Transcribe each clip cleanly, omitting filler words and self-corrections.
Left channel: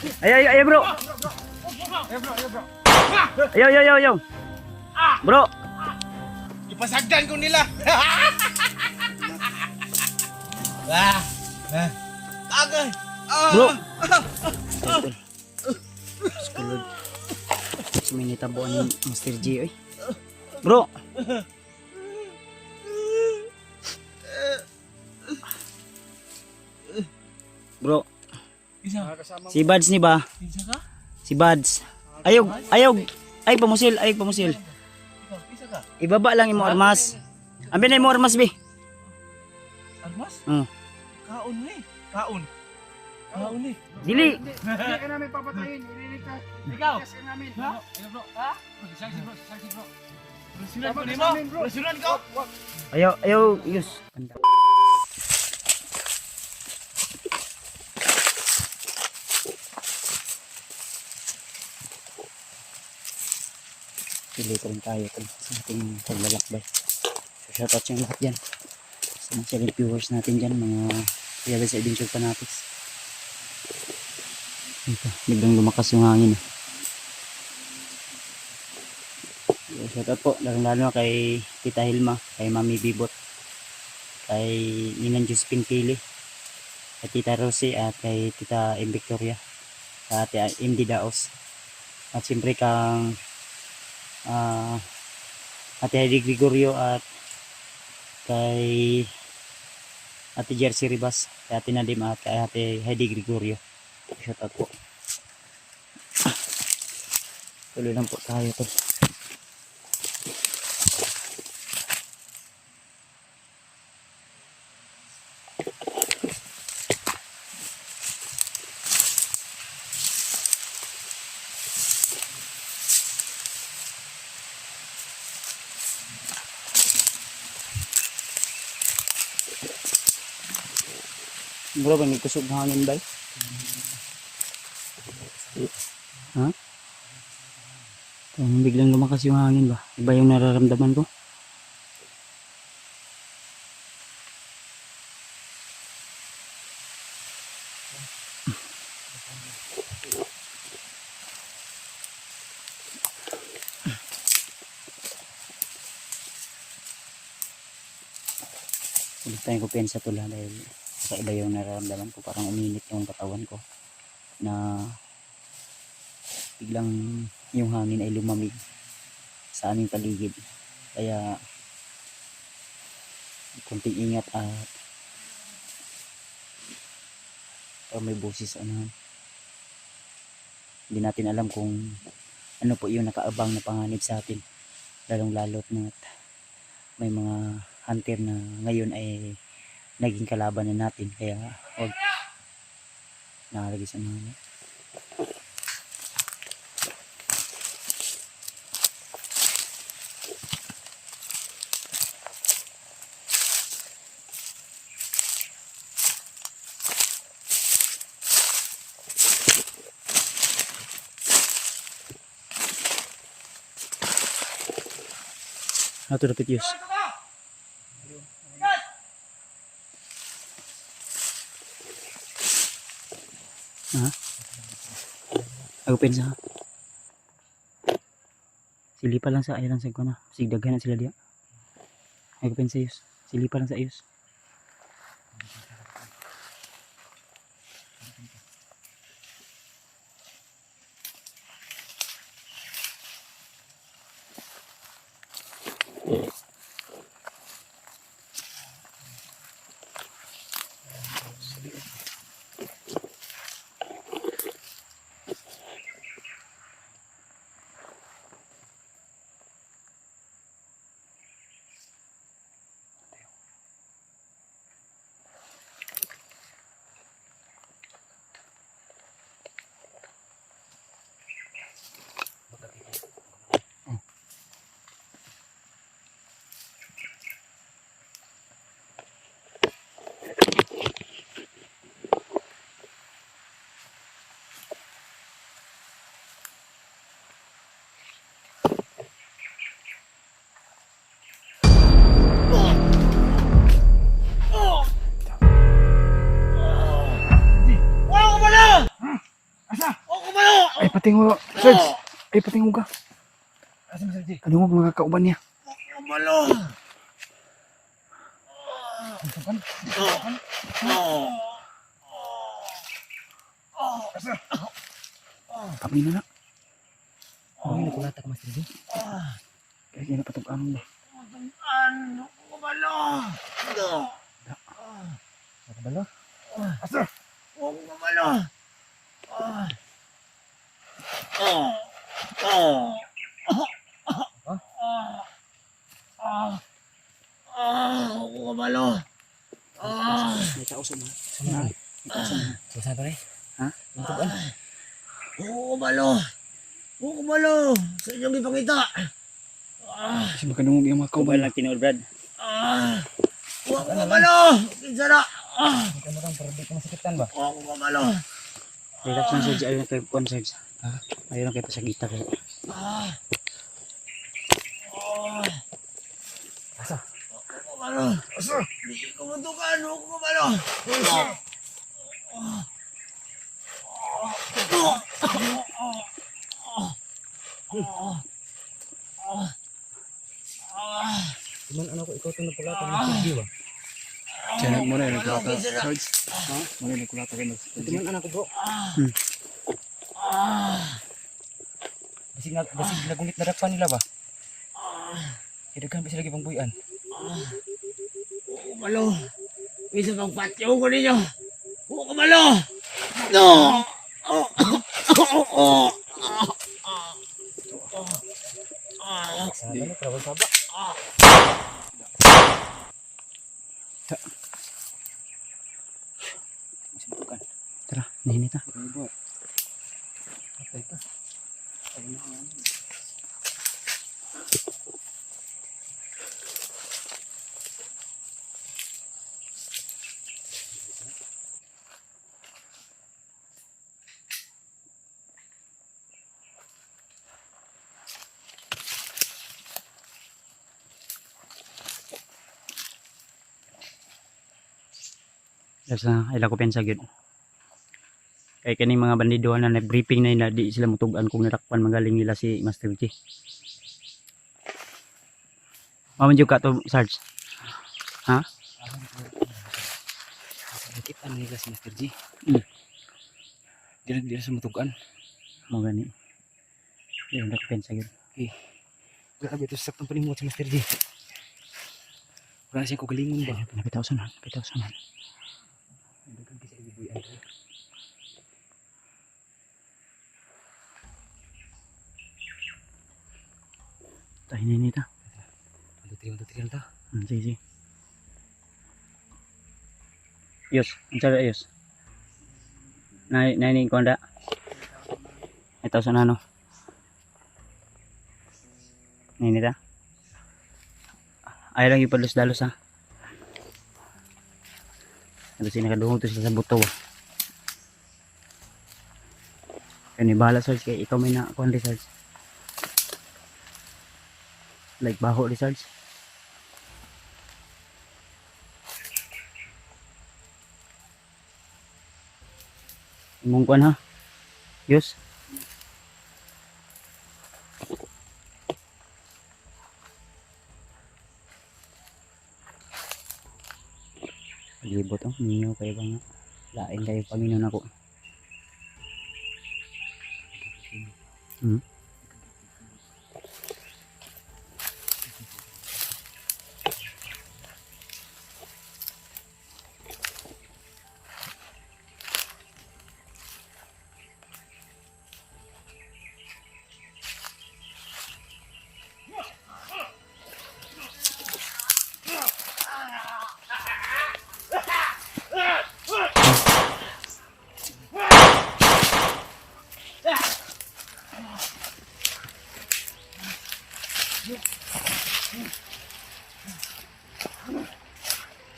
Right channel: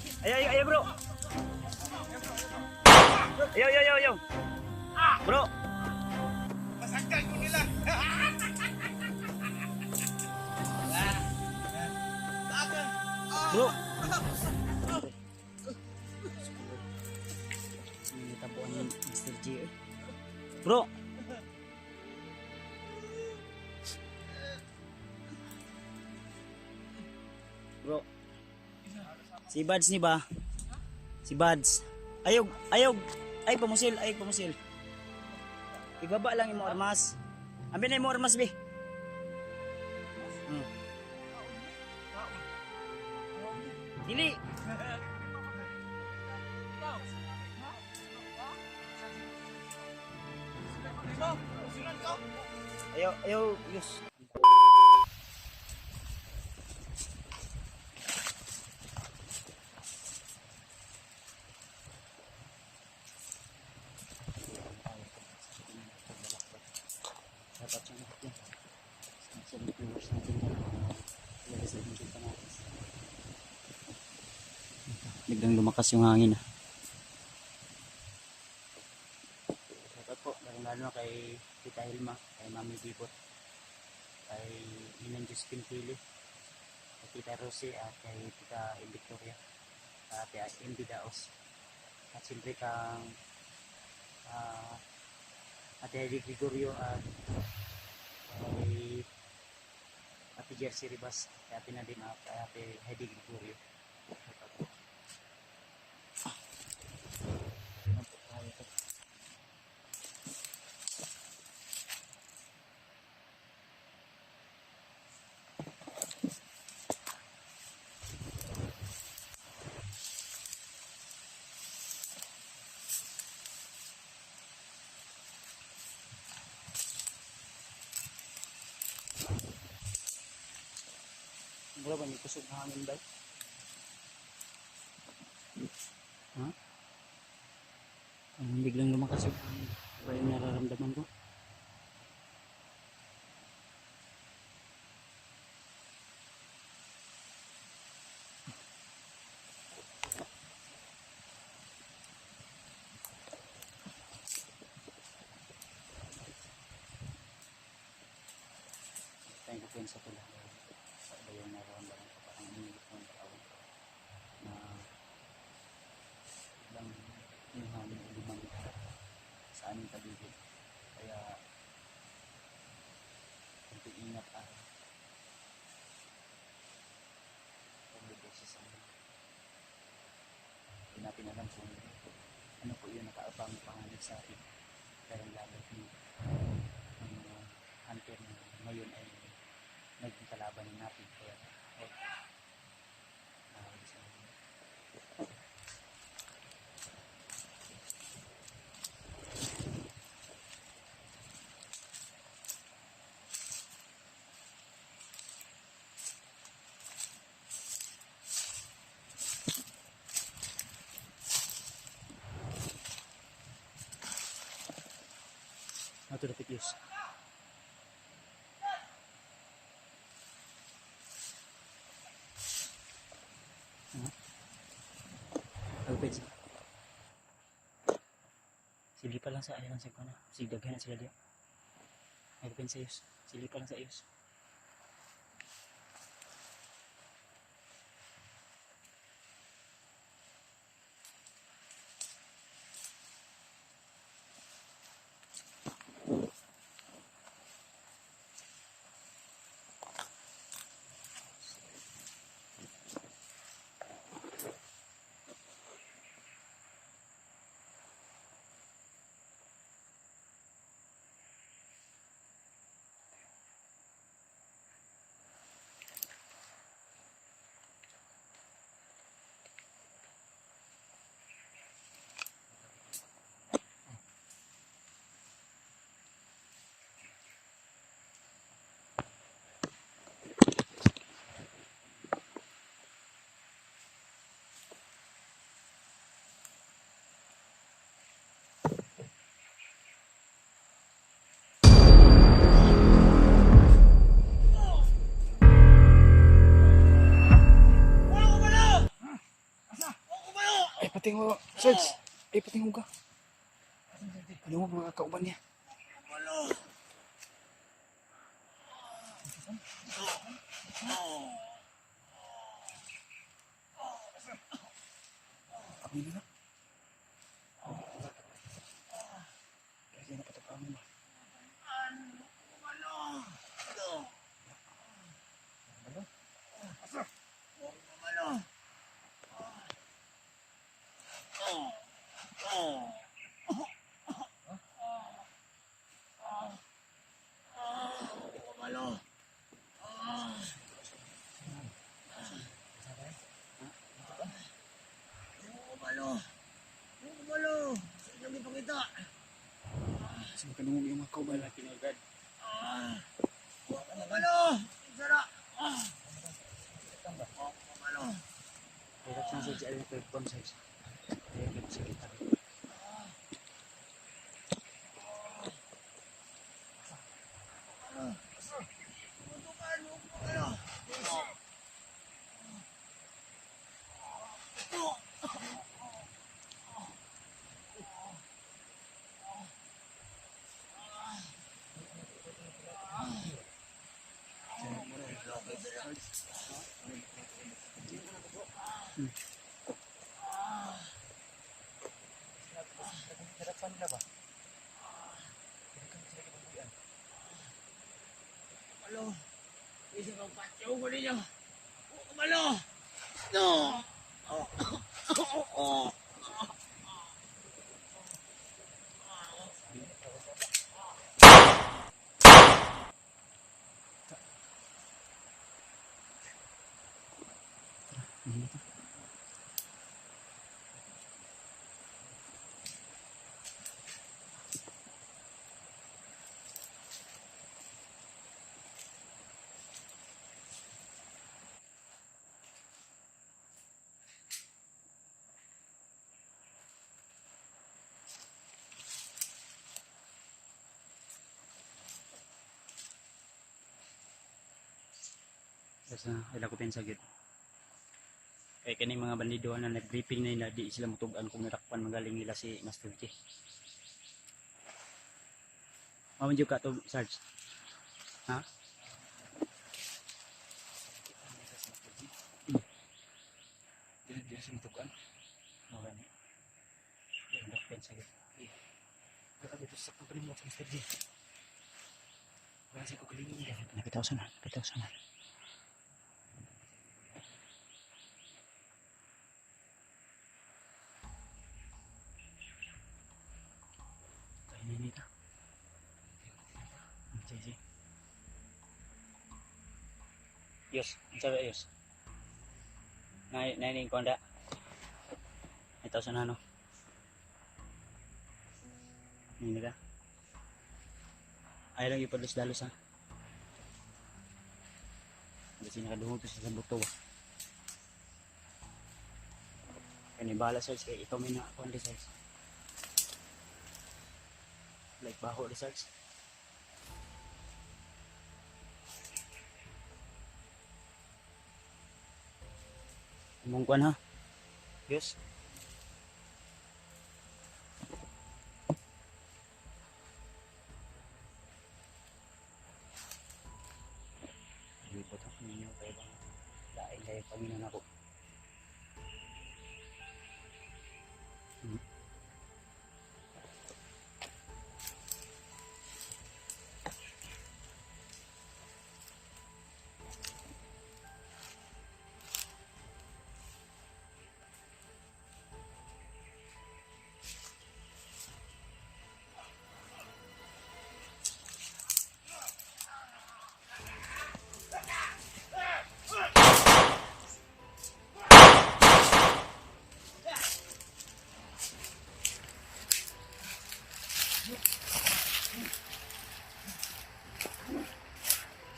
Ayo, ayo, ayo, bro. Ayo, ayo, ayo, ayo. Bro. Ipasagdan ko nila. Tagay. Bro. Skulod. Suminitabuan ni Master G, oy. Bro. Bro. Si Buds ni ba? Si Buds. Ayog, ayog. Ay pamusil, ay pamusil. Ibaba lang imo armas. Ambi na imo armas bi. Armas? Hmm. Kaon ni. Kaon. Kaon ni. Dili. Hindi ka namin papatayin. Ililikas. Ikaw. Ililikas ka namin. Ha? Ano bro? Ha? Susunod ko nimo. Susunod ko. Ayaw, ayaw, yus. Pilito rin tayo sa ating paglalakbay. So shoutout sa lahat dyan. Sa mga silent viewers natin dyan, mga Kuyabe sa Adventure Fanatics. Ito, biglang lumakas yung hangin. So, shoutout po, lalo na kay Tita Hilma, kay Mami Bibot, kay Ninang Josephine Pili, kay Tita Rosie at kay Tita M. Victoria, at MD Daos. At siyempre kang Ate Heidi Gregorio at kay Ate Jersey Ribas, kay Ate Nadim at kay Ate Heidi Gregorio. Shout out po. Tuloy lang po tayo to. Bro, ba may kusog hangin ba? Ha? Biglang lumakas yung hangin ba? Iba yung nararamdaman ko. Ulit tayong kupensa tula dahil kakaiba yung nararamdaman ko. Parang uminit yung katawan ko na biglang yung hangin ay lumamig sa aming paligid. Kaya kunting ingat at may boses ano. Hindi natin alam kung ano po yung nakaabang na panganib sa atin. Lalong lalo't na may mga hunter na ngayon ay naging kalaban na natin. Kaya huwag nakalagay sa mga how to repeat use. Open sa silipa lang sa ayran sa ko na sigdaghan na sila diya. Open sa use silipa lang sa use. Ay, patingo, Sarge. Ay, patingo ka. Asa Master J? Kadungog mga kauban niya. Kumalo. Kami na na. Oh, hindi ko latak, Master J. Kaya kaya napatag-anong ba? Ano? Kumalo. Nakabalo? Asa? Huwag kumalo. Huwag kumalo. May tao sa mga. May tao sa mga. Saan pa rin? Ha? Tutugan? Huwag kumalo. Huwag kumalo. Sa inyong ipakita. Kasi makadungog yung mga Kubal kauban. lang tinuod, Brad. Huwag kumalo. Kinsa na. Ikaw na lang, para di ka masakitan ba? Huwag kumalo. Relax lang, Sarge. Ayaw na kayo puan, Sarge. Ha? Ayaw na kayo pasagita kayo. Asa? Kumalo. Asa? Hindi ko matukan. Huwag kumalo. Cuman ano ko, ikaw ito na pala. Master J ba? Kaya muna yung nagkulata. Sarge. Ha? Muna yung nagkulata kayo. Cuman anak ko, bro. Basig nagunit na dakpan nila ba? Kaya bisa lagi pang buyan. Huwag kumalo. Isa pang patyo ko ninyo. Huwag kumalo. No. Ano, travel pa ba? Tara, nahinit na. Sa ila ko pensa gyud. Kay kaning mga bandido na na-briefing na di sila mutugan kung natakpan magaling nila si Master J. Maman jud ka to, Sarge. Ha? Nakita nila si Master G. Dili sa mutugan. Mo gani. Di ko pensa gyud. Grabe ito sa saktong panimot si Master G. Wala siya ko galingon ba? Napitaw sa na, napitaw sa na. Tayo nini ta. Titriyan ta. Sige. Yus, ang sabi ayos. Naining ko anda. Ito sa nano. Nini ta. Ayaw lang yung palos-dalos ha. Kasi nakadungog to sila sa buto ba. Kaya bahala Sarge kaya ikaw may nakuhan Sarge. Like baho Sarge. Imong kuhan ha. Yus. Palibot ang ninyo kayo bang lain kayo Panginoon ako.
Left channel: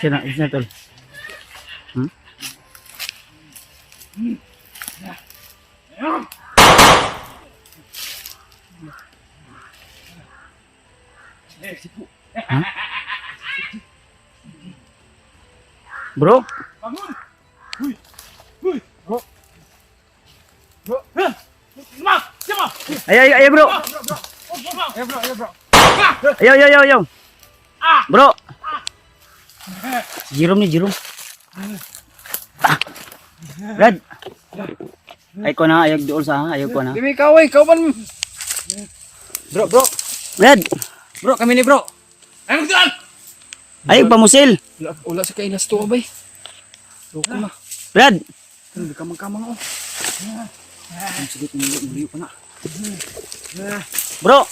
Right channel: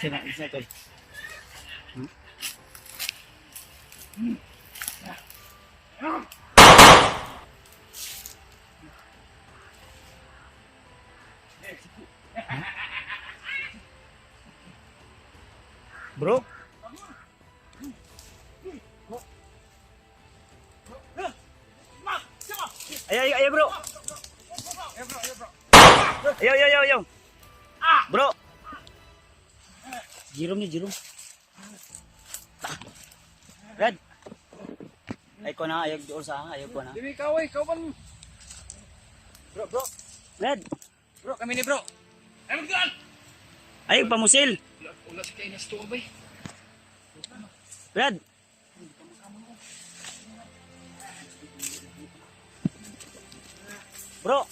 Sina tol. Bro, Bangun! Huy! Huy! Bro! Bro! Ayo bro. Ayo. Bro. Si Jerome nih Jerome. Brad. Ay ko na ayog dool sa ayog ko na. Dimi kaway, kauban. Bro. Brad. Bro, kami ni bro. Ay, magdaan! Ayog pamusil. Ula sa kailas to, bay. Loko na. Brad. Hindi ka magkamang, oh. Ang sigit, muli ko na. Bro.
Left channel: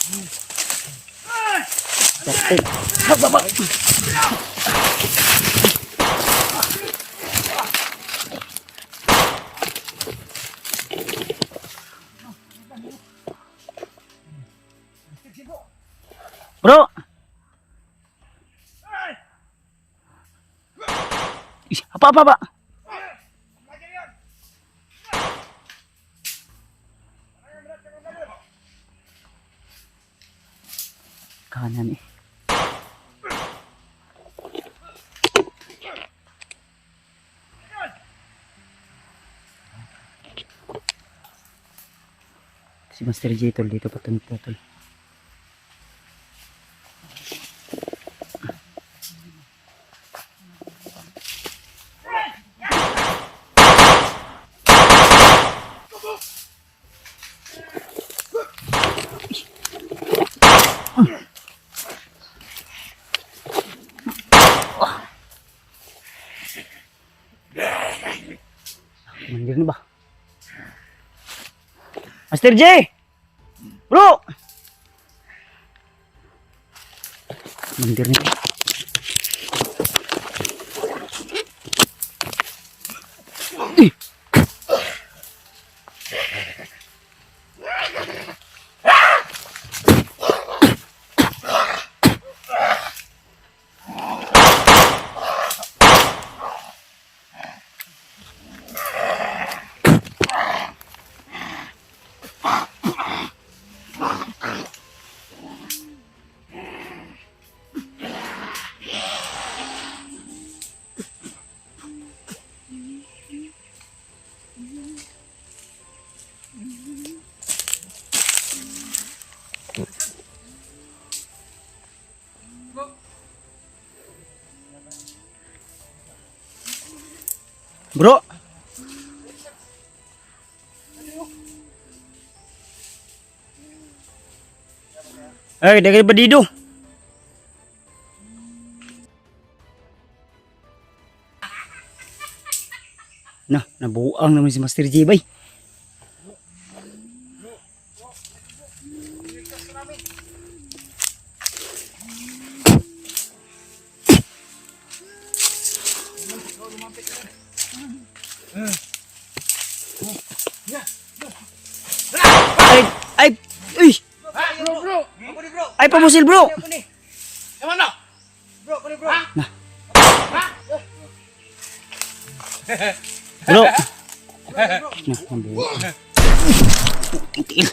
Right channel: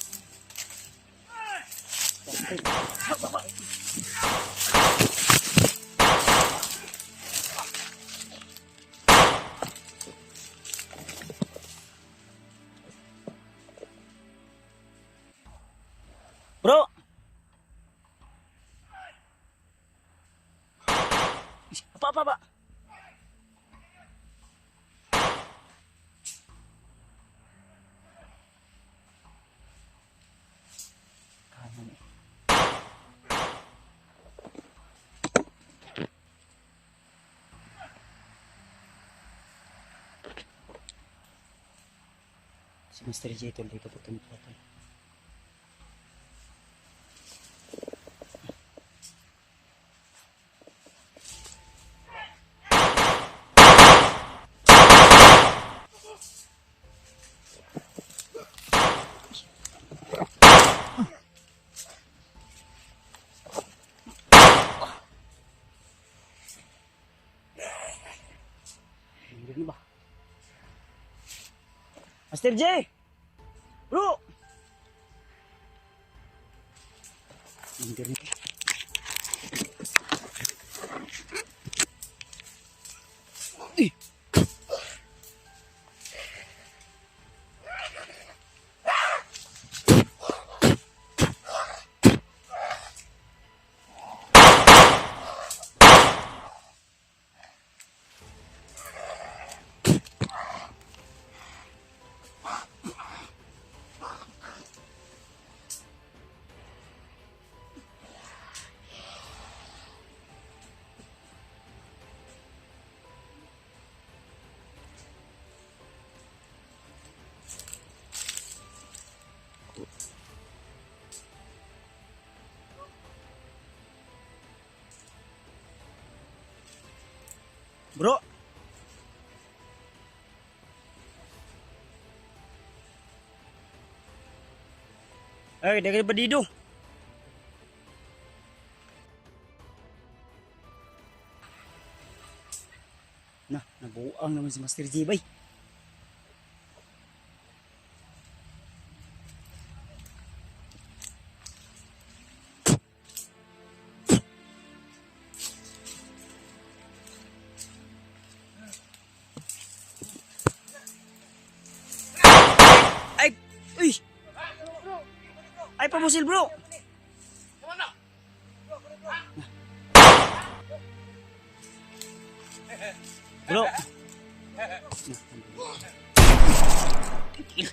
Bro. Ih, apa? Kanan eh. Si Master J tol dito patulog. Mandir na ba? Master J! Bro! Mandir na. Eh! Bro. Eh, dari bedido. Nah, nabuang naman si Master J, bay. Ay, uy, Bro. Ako ni bro. ay pamusil bro. Ako ni. Ewan na. Bro, ako ni bro. Bro. Nah, nabuang. Itil.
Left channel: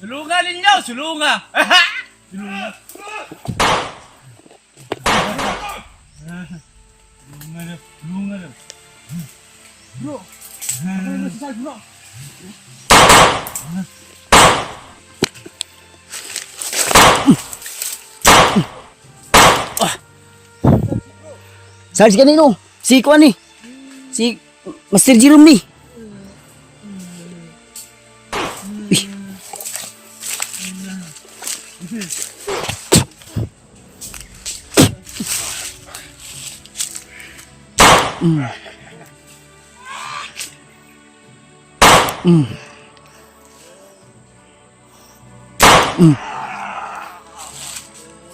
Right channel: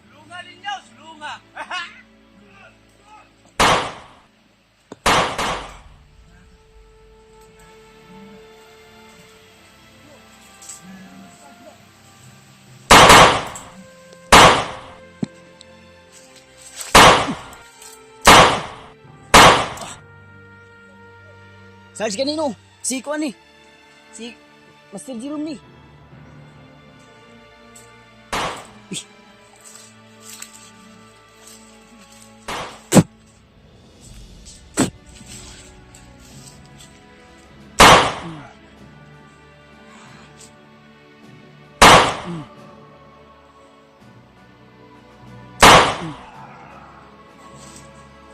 Sulungan ninyo, sulungan. Sulungan. Bro. Ano sa bro? Sarge kanino? Si Kuan ni. Si Master Jerome ni. Ih.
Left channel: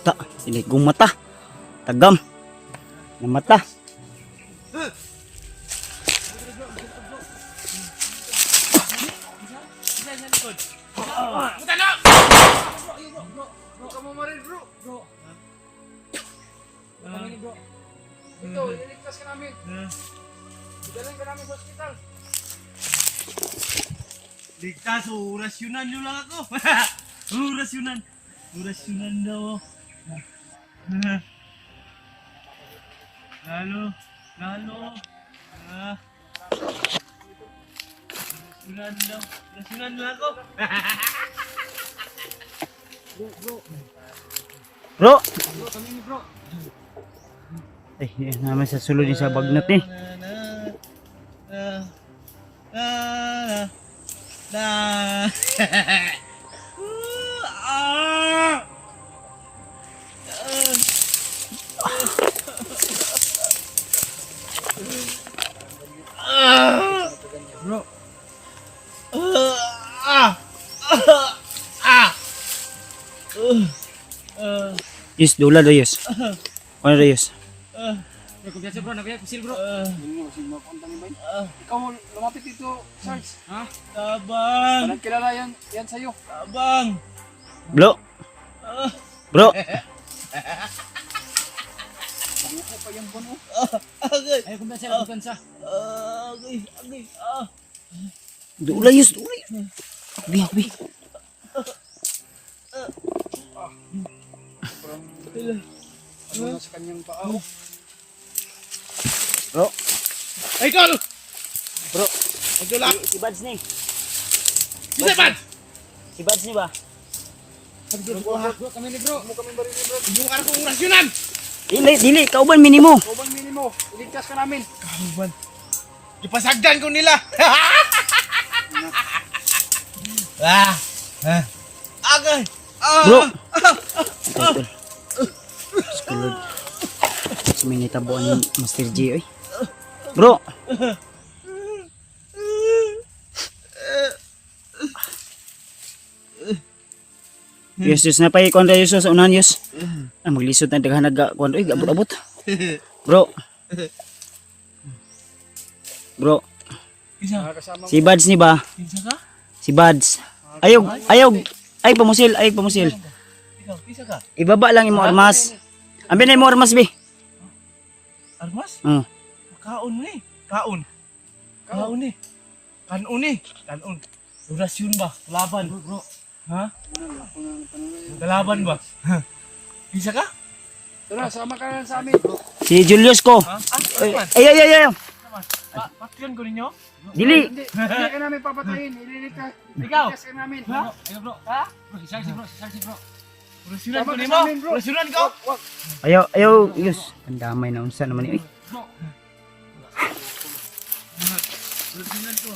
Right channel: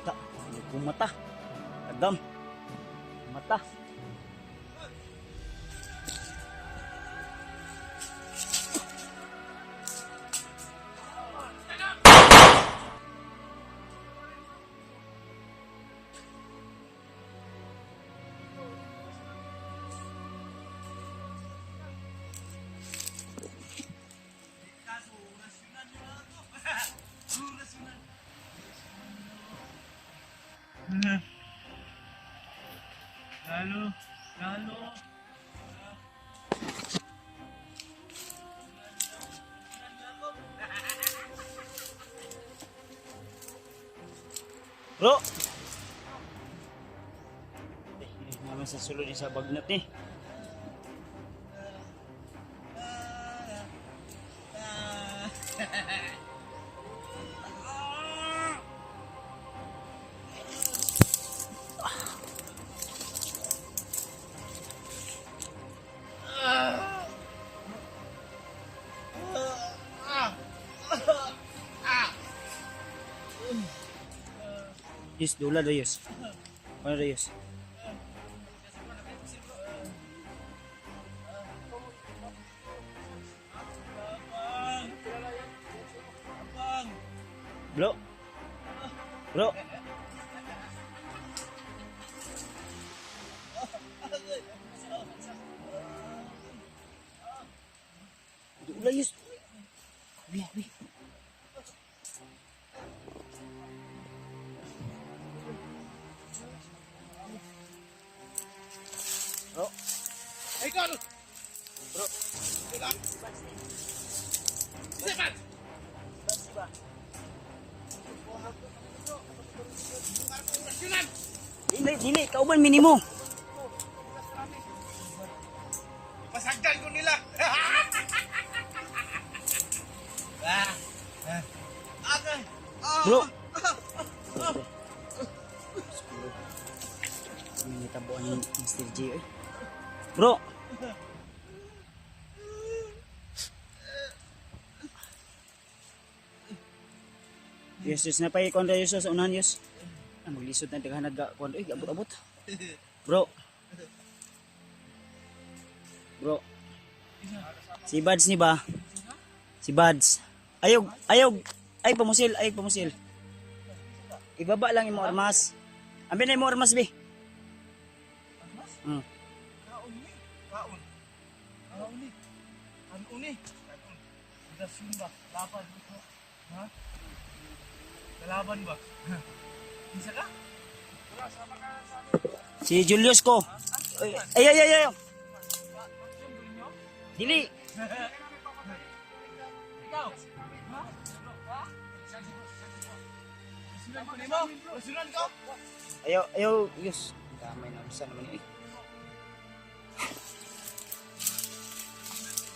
Tak, ini gong mata. Tagam. Ng mata. Ito, ililigtas ka namin. Idalhin ka namin sa ospital. Ligtas, orasyonan nyo lang ako. Orasyonan. Orasyonan daw. Lalo. Rasunan mo ako. Bro! Ay, yan naman sa sulod yung sa bagnot eh. Bro, Yus, dula do Yus. Ano do Yus? nagkubyasi bro, nagkubyasi bro. Ikaw lumapit dito, Sarge. Ha? Tabang! Walang kilala yan sa'yo. Tabang! Bro! Bro! Agay! Ay, kumpiyansa, kumpiyansa. Agay! Agay! Dula Yus, dula. Akbi, akbi. Ano sa kanyang paa? Bro! Ay, Carl! Bro! Magdula! Si Bads ni. Bisa, man! Si Bads ni ba? Bro, kami ni bro. Kami ba rin ni bro? Yung araw kong rasyonan! Dili, dili. Kauban minimo. Kubang minimo. Iligtas ka namin. Kauban! Ipasagdan ko nila! Agay! Bro! Ito. Skulod. Suminitabuan ni Master G, oy. Bro! Yes, yes, napay kontra Yus sa unahan Yus. Ah, maglisod na daghan nagkuan oy, abot-abot. Bro. Bro, Isa! Kasama si Bads ni ba? Isa ka? Si Bads. Ayog, ayog. Ay pamusil, ay pamusil. Ikaw, isa ka? Ibaba lang imo armas. Ambi na imo armas bi. Armas? Oh. Kaon ni. Kaon. Kaon ni. Kanon ni. Kanon. Rasyon ba? Laban. Bro. Ha? Kalaban ba? Isa ka? Tara, sama ka na sa amin. Si Julius ko. Ha? Ay, Ay, ay, ay, ay. Patyon ko ninyo? Dili. Hindi ka namin papatayin. Ililigtas. Ikaw? Iligtas ka namin. Ha? Ayo bro. Ha? Bro, si bro. Rasyonan Tama ko ka nimo? sa amin, bro. Rasyonan ko? Ayaw, ayaw, Yus. Ang damay na unsa naman ni. Rasyonan ko.